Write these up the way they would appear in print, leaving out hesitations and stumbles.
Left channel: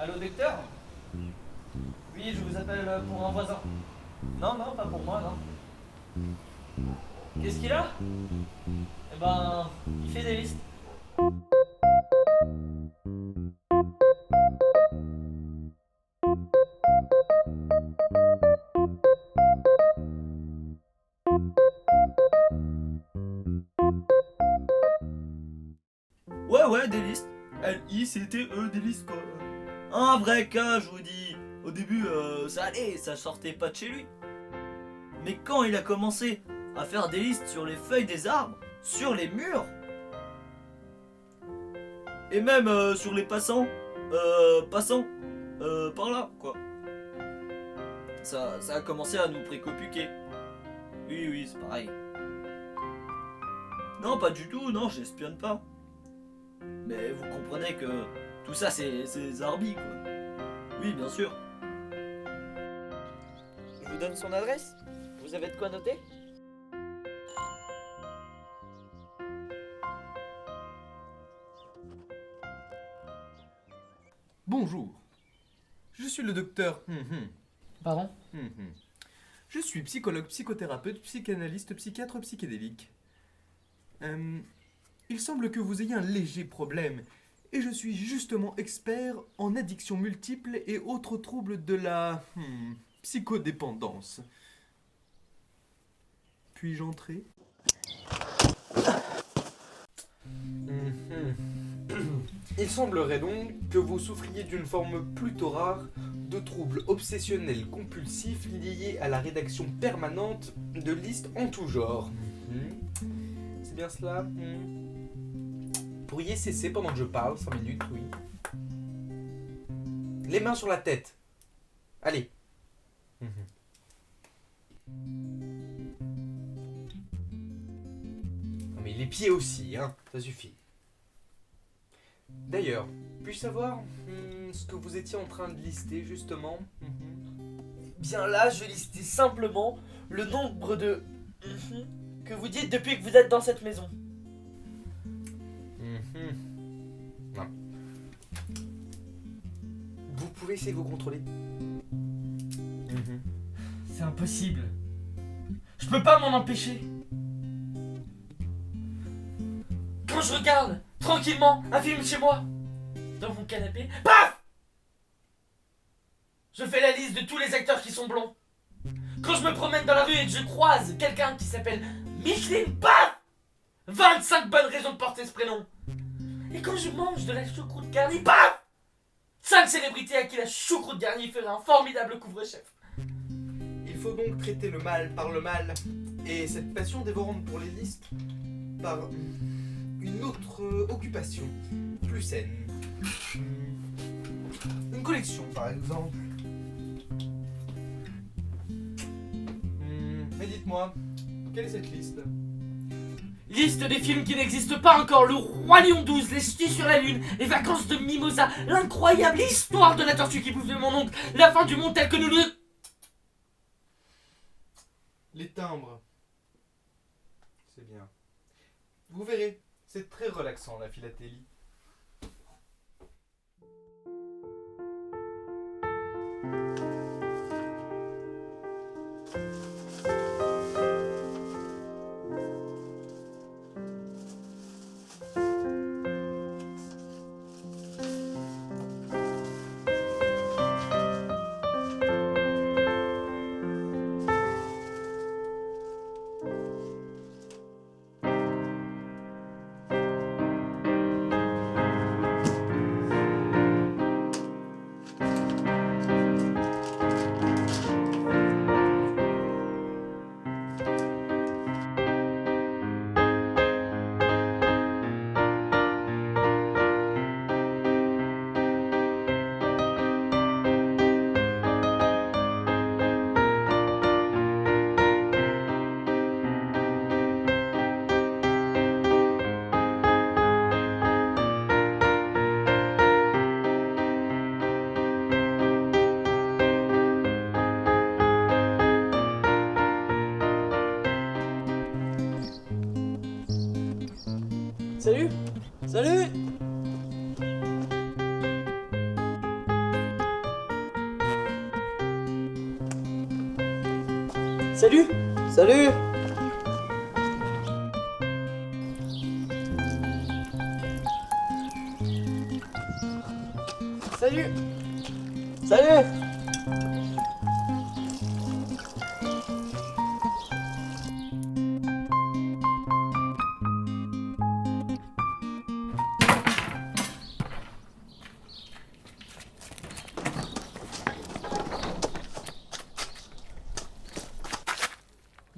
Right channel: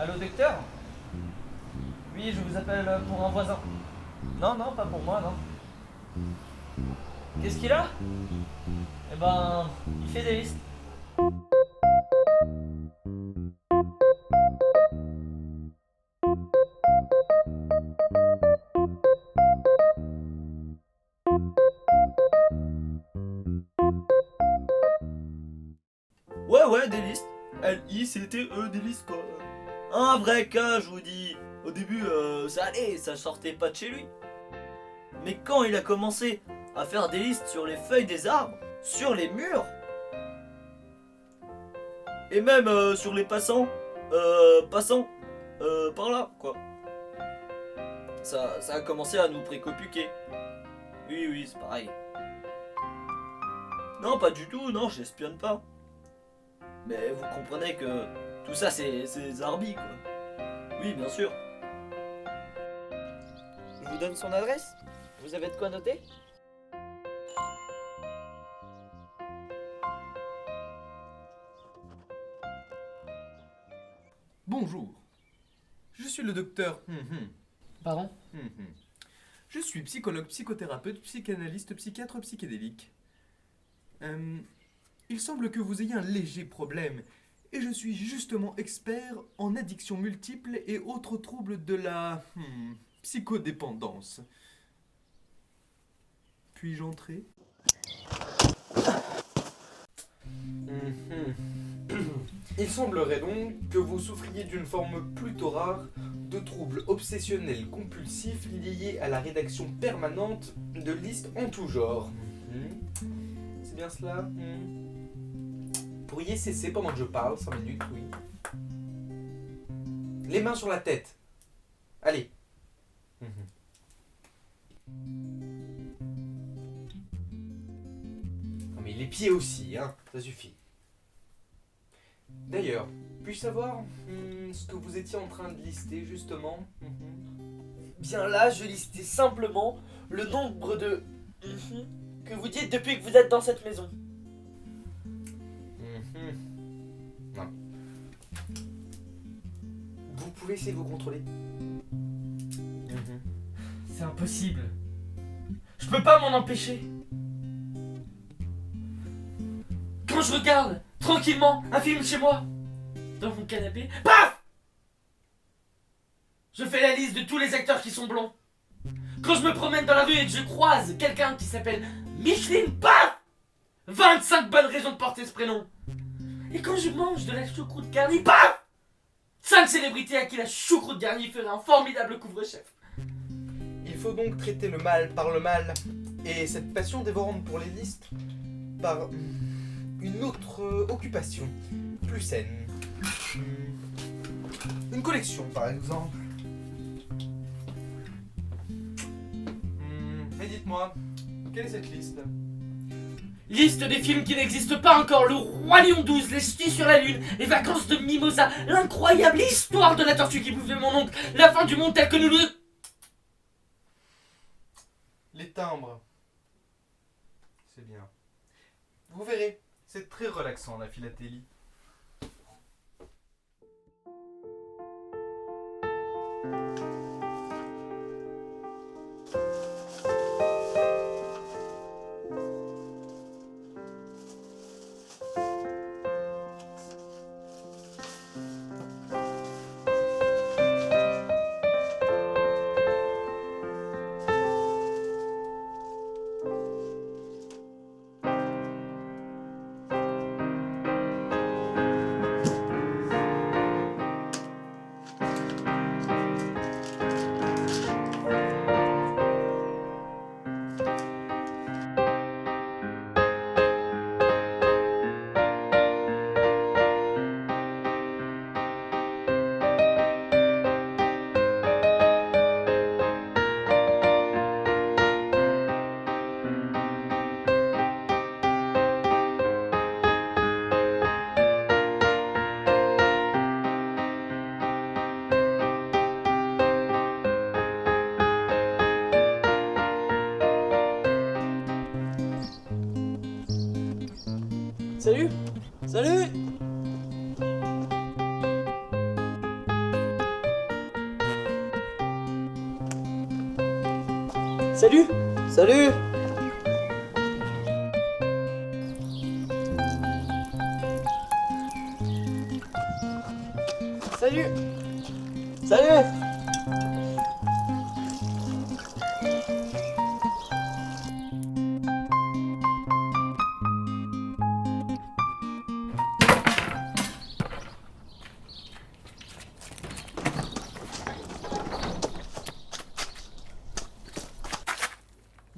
Allô, docteur? Oui, je vous appelle pour un voisin. Non, non, pas pour moi, non. Qu'est-ce qu'il a? Eh ben, il fait des listes. Ouais, ouais, des listes. L-I-C-T-E, des listes, quoi. Un vrai cas, je vous dis. Au début, ça allait, ça sortait pas de chez lui. Mais quand il a commencé à faire des listes sur les feuilles des arbres, sur les murs, et même sur les passants, par là, quoi. Ça a commencé à nous préoccuper. Oui, oui, c'est pareil. Non, pas du tout, non, j'espionne pas. Mais vous comprenez que tout ça, c'est Zarbi, quoi. Oui, bien sûr. Je vous donne son adresse. Vous avez de quoi noter? Bonjour, je suis le docteur. Pardon? Je suis psychologue, psychothérapeute, psychanalyste, psychiatre psychédélique. Euh, il semble que vous ayez un léger problème, et je suis justement expert en addictions multiples et autres troubles de la psychodépendance. Puis-je entrer? Il semblerait donc que vous souffriez d'une forme plutôt rare de troubles obsessionnels compulsifs liés à la rédaction permanente de listes en tout genre. C'est bien cela? Pourriez cesser pendant que je parle, 5 minutes, oui. Les mains sur la tête. Allez. Non mais les pieds aussi, hein, ça suffit. D'ailleurs, puis-je savoir ce que vous étiez en train de lister justement? Bien là, je listais simplement le nombre de que vous dites depuis que vous êtes dans cette maison. Non. Vous pouvez essayer de vous contrôler. C'est impossible. Je peux pas m'en empêcher. Quand je regarde tranquillement un film chez moi, dans mon canapé, paf! Je fais la liste de tous les acteurs qui sont blonds. Quand je me promène dans la rue et que je croise quelqu'un qui s'appelle Micheline, paf! 25 bonnes raisons de porter ce prénom. Et quand je mange de la choucroute garnie, paf! 5 célébrités à qui la choucroute garnie ferait un formidable couvre-chef. Il faut donc traiter le mal par le mal et cette passion dévorante pour les listes par une autre occupation plus saine. Une collection par exemple. Mais dites-moi, quelle est cette liste? Liste des films qui n'existent pas encore: Le Roi Lion 12, Les Ch'tis sur la Lune, Les Vacances de Mimosa, L'incroyable histoire de la tortue qui bouffait mon oncle, La fin du monde telle que nous le... Les timbres. C'est bien. Vous verrez, c'est très relaxant la philatélie. Salut! Salut! Salut! Salut! Salut! Salut!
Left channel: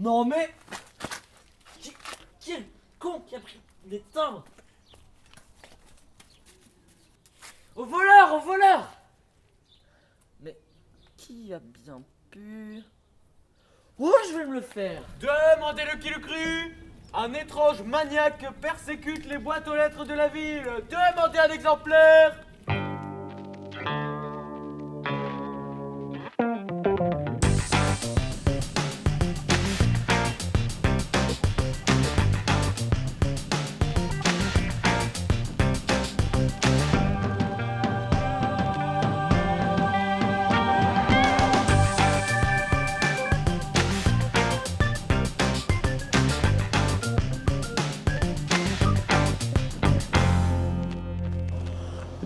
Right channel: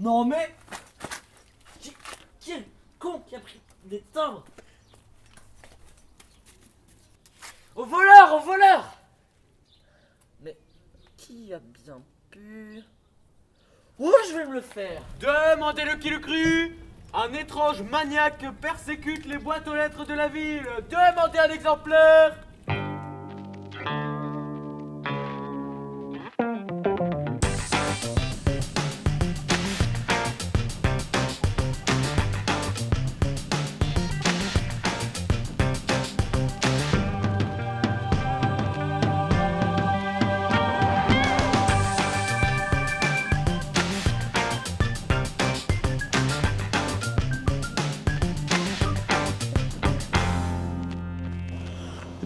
Non mais... Qui est le con qui a pris des timbres? Au voleur! Au voleur! Mais qui a bien pu... Oh, je vais me le faire! Demandez-le qui le crut! Un étrange maniaque persécute les boîtes aux lettres de la ville! Demandez un exemplaire!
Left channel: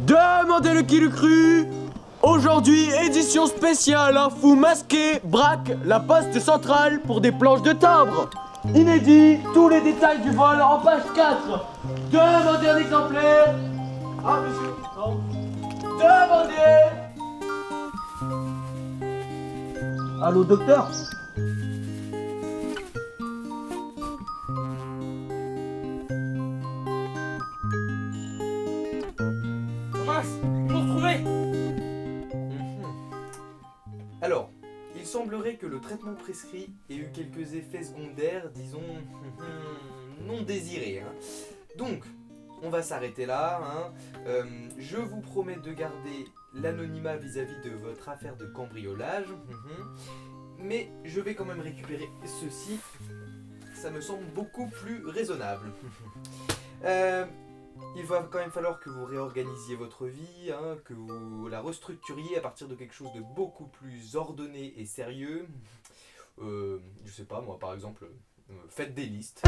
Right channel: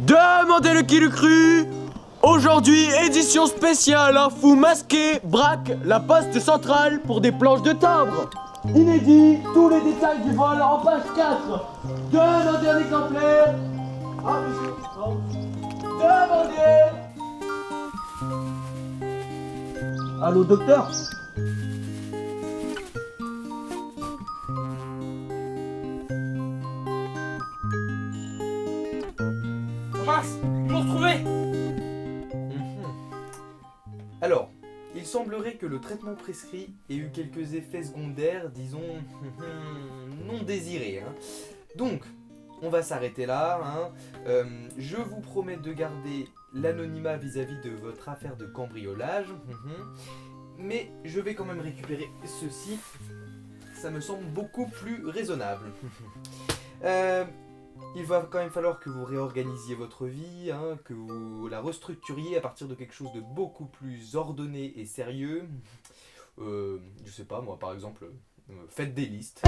Demandez-le qui le crut! Aujourd'hui, édition spéciale, un fou masqué braque la poste centrale pour des planches de timbre. Inédit, tous les détails du vol en page 4. Demandez un exemplaire. Ah, monsieur, non. Demandez. Allô, docteur? Mince! Ils m'ont retrouvé! Alors, il semblerait que le traitement prescrit ait eu quelques effets secondaires, disons, non désirés. Hein. Donc, on va s'arrêter là. Hein. Je vous promets de garder l'anonymat vis-à-vis de votre affaire de cambriolage. Mais je vais quand même récupérer ceci. Ça me semble beaucoup plus raisonnable. Il va quand même falloir que vous réorganisiez votre vie, hein, que vous la restructuriez à partir de quelque chose de beaucoup plus ordonné et sérieux. Je sais pas, moi par exemple, faites des listes.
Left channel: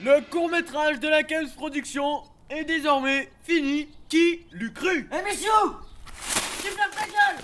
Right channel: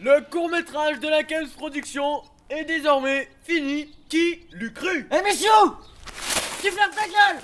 Le court-métrage de la Kems Production est désormais fini. Qui l'eût cru? Eh messieurs! Tu fermes ta gueule!